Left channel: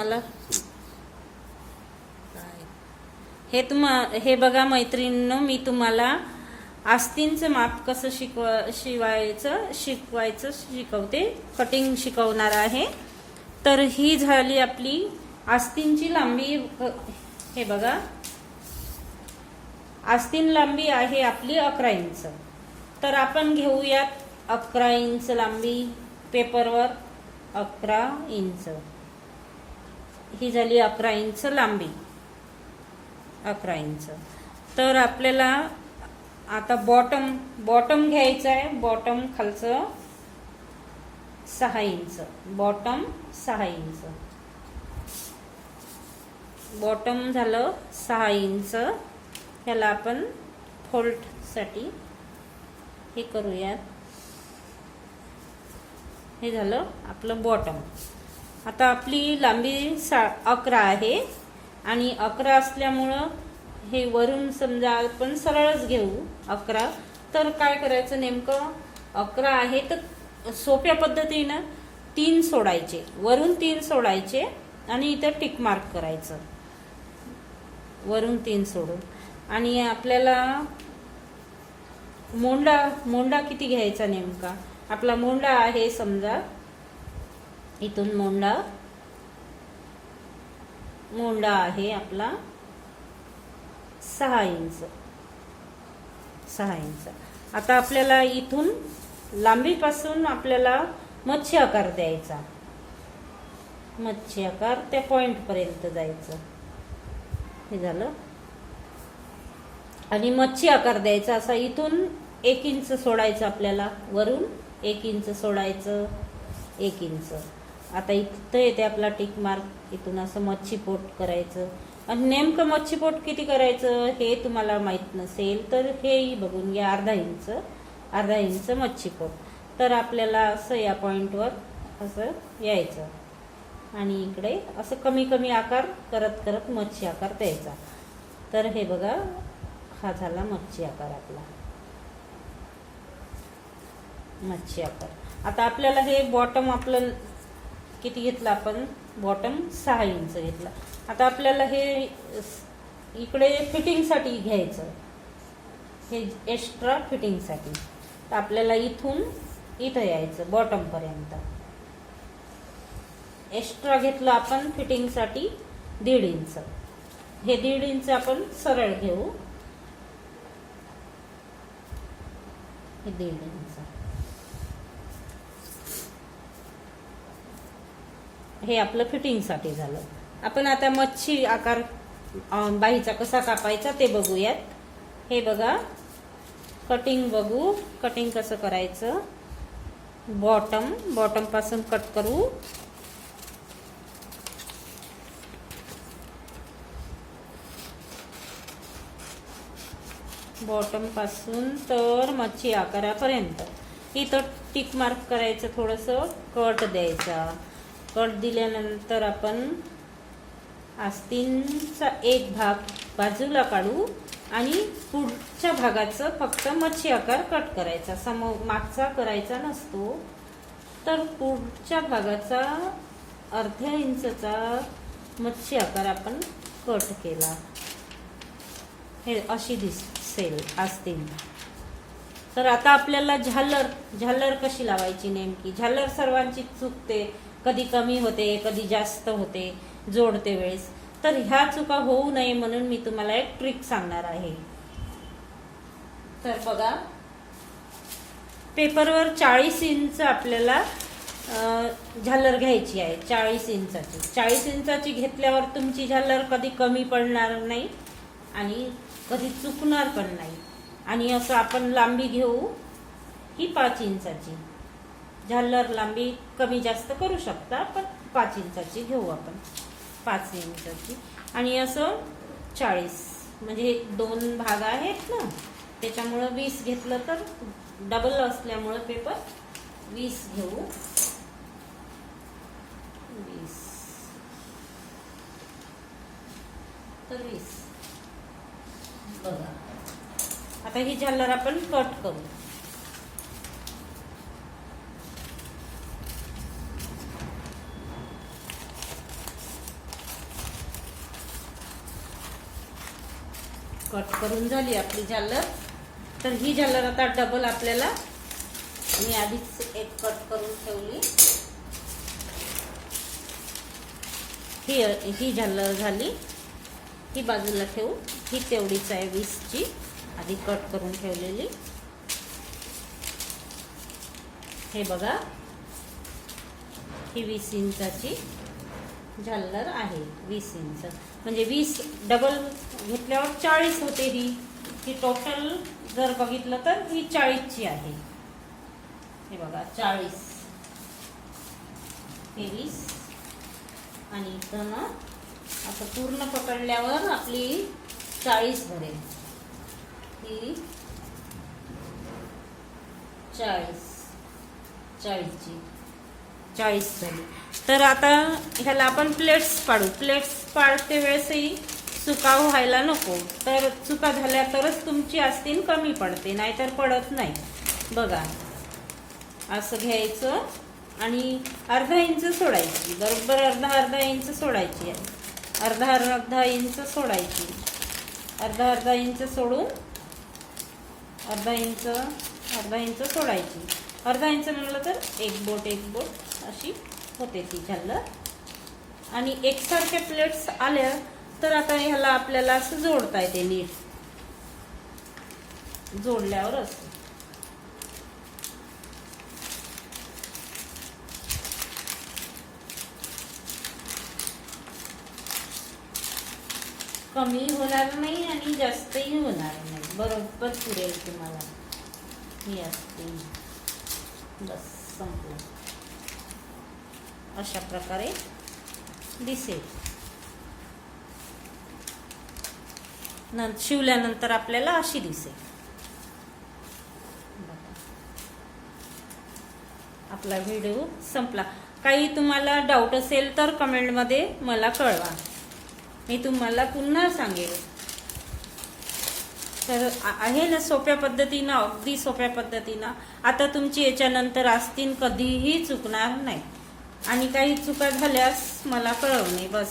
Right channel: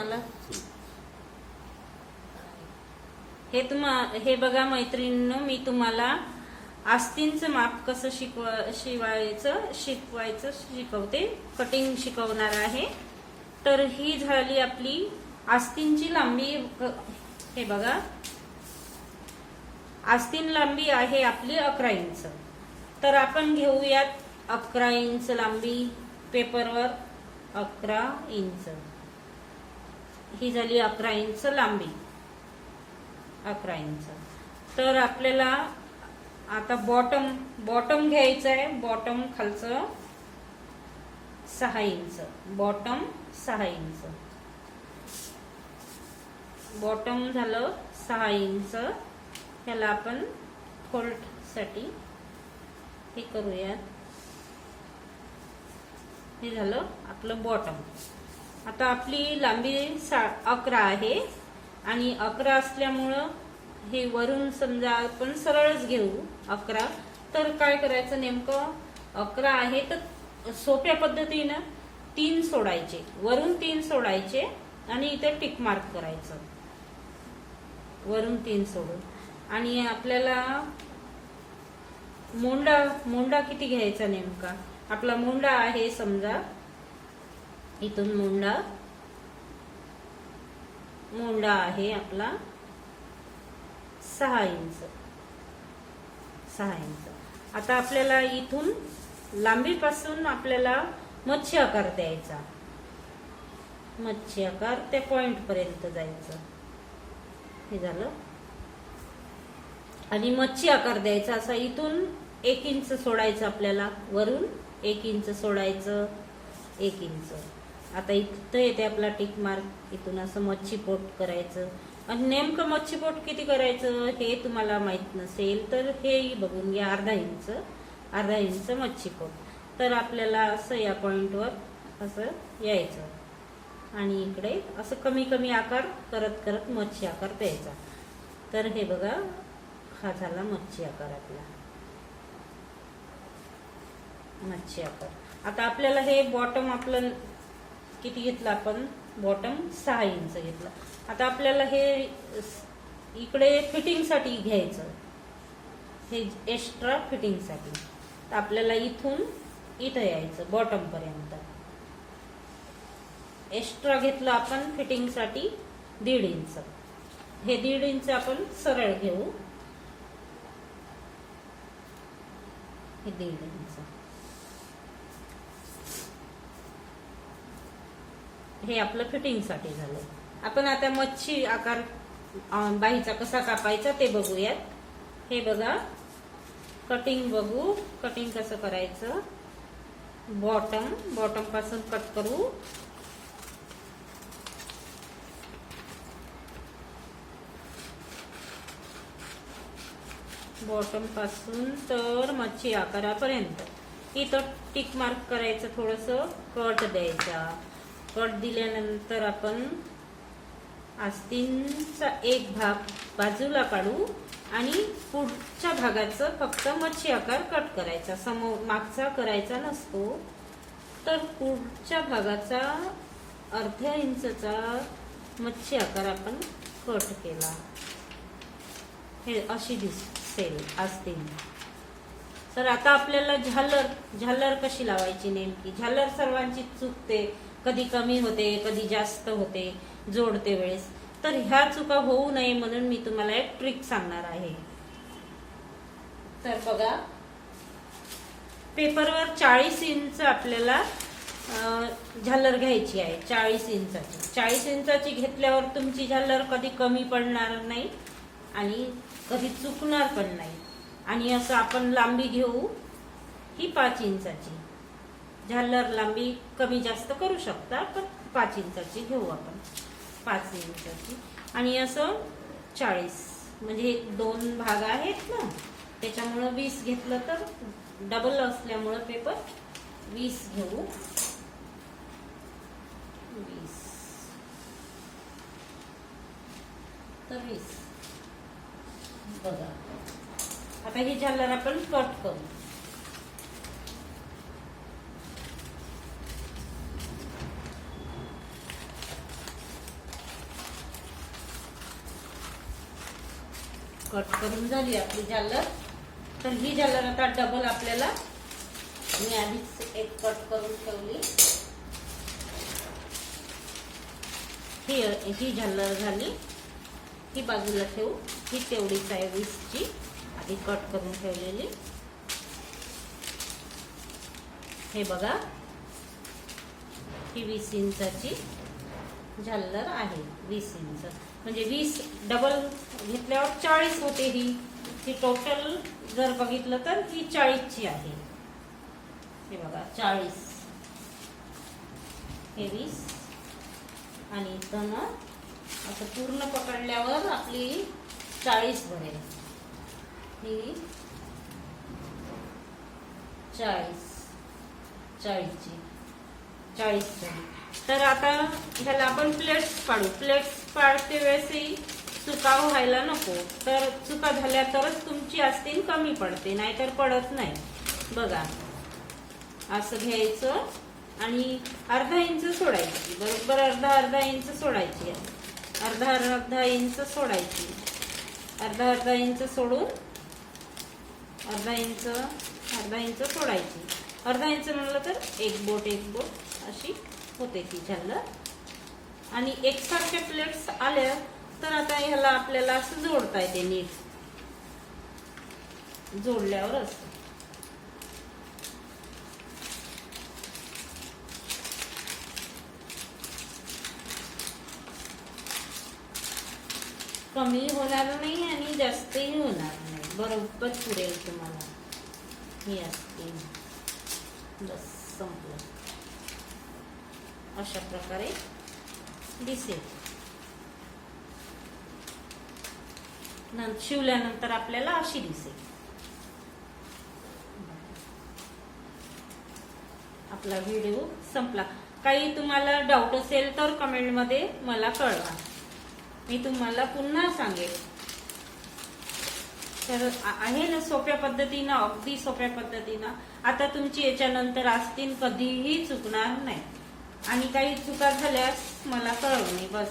मला हे बघा मैत्रिणींनो, मी तुम्हाला आस्तींचं माप कसं शिकवायचं शिकवते, कटिंग शिकवणार आहे. तर ही झाली आपली आस्तींची लांबी. हे बघा, आस्तीन लांबी आहे आपली 11 इंच. तर आपण घेऊयात 11 इंच लांबी पेपरवर. 11 इंच ही झाली 11 इंच लांबी. 11 इंच. तर आपल्याला आता बॉटम घ्यायचं आहे. बॉटम खालचं 6 इंच. Bottom 6 inch. बॉटम झालं 6 इंच. त्याला आपण फोल्ड साठी हे करूया. हे झालं आपलं बॉटम. आता आपली लांबी 11 आहे आणि 11 असल्यामुळं हे वरून समजा आपण सरळच घेऊ 11. तर काय करायचं नेमकं, 11 आहे तर सोप्या पद्धतीनं 3 सोडायचे, वरून 3 सोडायचे आणि इथं टिक मार्क करायचं वरून 3 सोडून. आणि आपल्याला मोंडा किती घ्यायचा नेमका. आपला मोंडा आहे समजा इथून मोंडा आहे आपला 6 इंच. 6 इंच. आता आपल्याला इथून लांबीपासून आपल्याला मच्छी आकार द्यायचा. मच्छी आकार त्या पॉइंट पर्यंत जायचं. हे झालं. आणि मच्छी आकार द्यायचा असा इथून 1 इंच सोडायचं आपल्याला, वरून 1 इंच सोडायचं. 1 इंच. आता इथं येते आपला टिक मार्क. इथून असं मच्छी पोट करायचं. आणि नेमकं मच्छी पोट किती करायचं हे तुम्हाला माहित नसेल तर हे बघून घ्या. अर्धा इंच मच्छी पोट. तर आपल्याला असं या पॉइंटवर असं यायचं आणि इकडे असं कमी कमी आकार करत करत मच्छी आकार द्यायचा. तर हे बघा, हा झाला मच्छी आकार आपला. मच्छी आकार. आता आपल्याला हे बॉटम आपलं किती घेतलं आपण, बॉटम 6 इंच घेतला. आता आपल्याला हे इकडे फिटिंग साठी घ्यायचं, हे एक्स्ट्रा फिटिंग साठी. तर आपल्याला इथून इथं यायचं बॉटम पर्यंत. एक्स्ट्रा घेतलं आपण फिटिंग साठी 1.5 इंच. हे 1.5 इंच आपण सरळ घेऊ. हे 1.5 इंच. हे आपलं फिटिंग साठी झालं. आपण आता मच्छी आकार बाहीचा कसा कापायचा ते बघूयात. हे बघा, कटिंग बघू. कटिंग कसं करायचं. बॉटम पासून कट करू. बॉटम पासून तर मच्छी आकारापर्यंत. इथं टिक मार्क करायचं, थोडंसं कट द्यायचा. कट दिल्यानंतर आपण आस्तीनचा एक भाग बाजूला काढू आणि पुढच्या भागाचं फक्त मच्छी आकार कट करायचा. मागचा करायचा नसतो. तर पुढच्या भागाचा अर्ध्या इंचचा मच्छी आकार आपण कट केला. हे अशी दिसेल आस्तीन. तर आता आपल्याला झालर कशी लावायची नेमकी. झालर सर्वांची चुकते, कधी कमी होते कधी जास्त होते जोडते वेळेस. तर ह्या चुका होऊ नये म्हणून मी तुम्हाला एक ट्रिक सांगणार आहे. तर बघा, पेपरवर 40 इंच आपल्याला झालर घ्यायची आहे. 40 इंचाची. 40 इंचाची घेतल्यावर तुमची झालर कधी कमी पडणार नाही आणि कधी चुकणार पण नाही. आणि असं आपण लांबी घेऊ ही 5 इंचाची. झालर लांबी कमी जास्त करू शकता, पण 5 इंचाची घेऊ आपण. 5 इंचाची. आणि असं 40 म्हणजे 2 भाग आहेत ना, त्याच्यामुळं 20 घेतलं तर डबल असल्यामुळं पेपर 20 घेऊ. 20 तर 20. बघा, आता ही झालर आपण कट करू. कट करून झाली आपली झालर. तर ही झालर आता डबल आपल्याला, मी आधीच एक कट करून ठेवली. ही झालर झाली, ही बाजूला ठेवू. ही तेवढीच आहे 20ची, आधी कट करून ठेवलेली. हे बघा, ही 20 इंचाची झालर आहे. 20 इंच म्हणजे 20 डबल घेतल्यावर 40 होते. ही टोटल जर बघितलं तर ही 40ची आहे. हे बघा 40, हे 20 आणि इथं ना असं पूर्ण पकडल्यावर आपली 40 भरेल. ही 40ची 40 झाली. तर आता ह्याला आपण प्लेट्स पाडू. प्लेट्स पाडते वेळेसही सुकाऊ व्हायला नको. तर चुका झाल्या तरच तुमची आस्तीन कमी पडते, नाहीतर पडत नाही. बघा, असं घ्यायचं आणि अर्धा इंच सोडायची. बरोबर अर्धा इंच सोडायची. अर्धा इंच सोडायची. अर्धा इंच सोडून अर्धा इंच सोडायची. अर्धा इंच म्हणलं तर एक बोट अशी होते ती झालर. आणि एकसारखे प्लेट्स आल्या तर आता ह्याला आपल्याला असं जोडता येते. नीट जोडल्यावर असं कमी होणार नाही आणि जास्तही होणार नाही. बरोबर पुरेल तुम्हाला. ही असते, बस संपलं. अशा प्रकारे दिसेल. शिवल्यानंतर आपल्याला अशी दिसेल. आपला व्हिडिओ संपला. काही तुम्हाला डाऊट असेल तर कमेंटमध्ये मला कळवा, मी तुम्हाला पुन्हा सांगेल. तर आहे ना सोप्या पद्धतीनं, अगदी सोप्या पद्धतीनं. आता तुमची याच्यानंतर आस्तीन कधीही चुकणार नाही. आणि काही चुका झाल्यास मला कळवणे, बस.